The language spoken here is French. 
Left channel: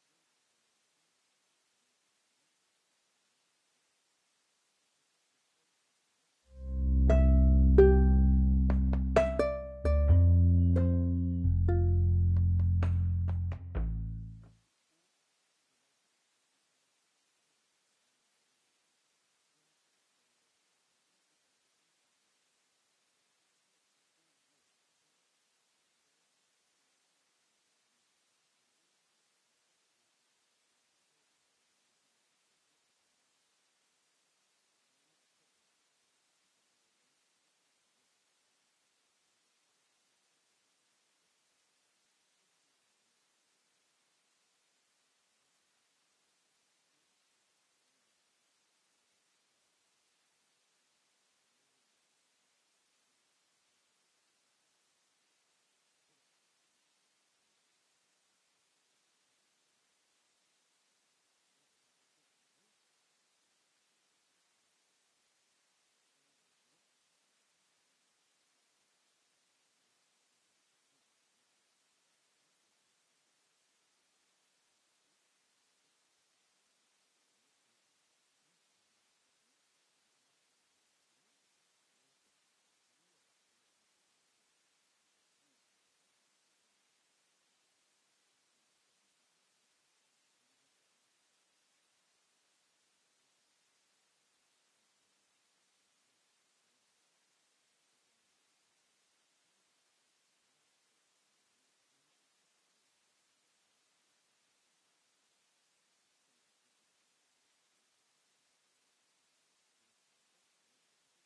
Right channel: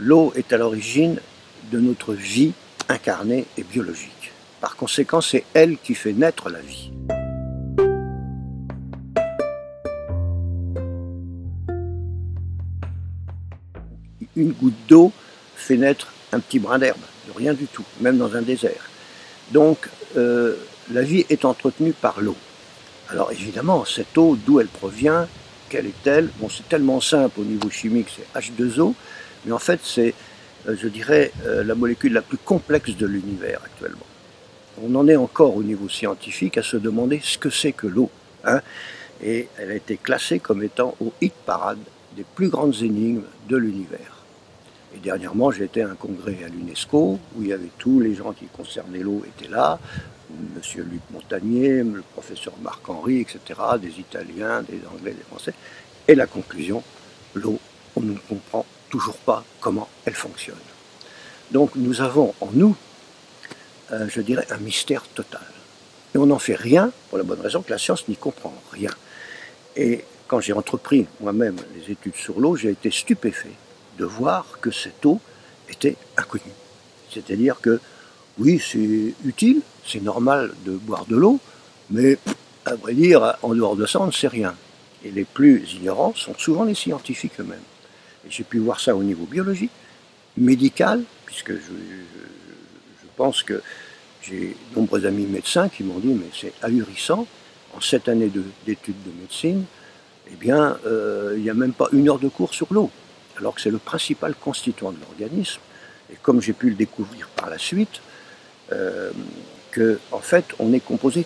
L'eau est à l'origine de notre vie incarnée et biologique. Par conséquent, c'est elle qui fait naître la vie. Une goutte d'eau fait naître un petit brin d'herbe, de rien du tout, même dans un désert. Donc, la vie est entretenue par l'eau. Alors évidemment, cette eau, d'où elle provient, quelle est-elle? Bon, c'est tellement simple au niveau chimique, c'est H2O, mais en fait, c'est, je dirais, la molécule la plus complexe de l'univers actuellement. On en est encore au niveau scientifique à se demander ce que c'est que l'eau. Hein, et elle a été classée comme étant au hit parade des plus grandes énigmes de l'univers. Et dernièrement, j'ai été à un congrès à l'UNESCO où il y avait tous les gens qui concernaient l'eau étaient là, Monsieur Luc Montagnier, le professeur Marc-Henri, etc., des Italiens, des Anglais, des Français. Et la conclusion, l'eau, on ne comprend toujours pas comment elle fonctionne. Donc nous avons en nous, je dirais, un mystère total. Et on n'en fait rien pour la bonne raison que la science n'y comprend rien. Et quand j'ai entrepris moi-même les études sur l'eau, j'ai été stupéfait de voir que cette eau était inconnue. C'est-à-dire que, oui, c'est utile, c'est normal de boire de l'eau, mais à vrai dire, en dehors de ça, on ne sait rien. Et les plus ignorants sont souvent les scientifiques eux-mêmes. Et j'ai pu voir ça au niveau biologique, médical, puisque je pense que j'ai de nombreux amis médecins qui m'ont dit mais c'est ahurissant, en 7 années d'études de médecine, eh bien, il n'y a même pas 1 heure de cours sur l'eau, alors que c'est le principal constituant de l'organisme. Et comme j'ai pu le découvrir par la suite, qu'en fait, on est composé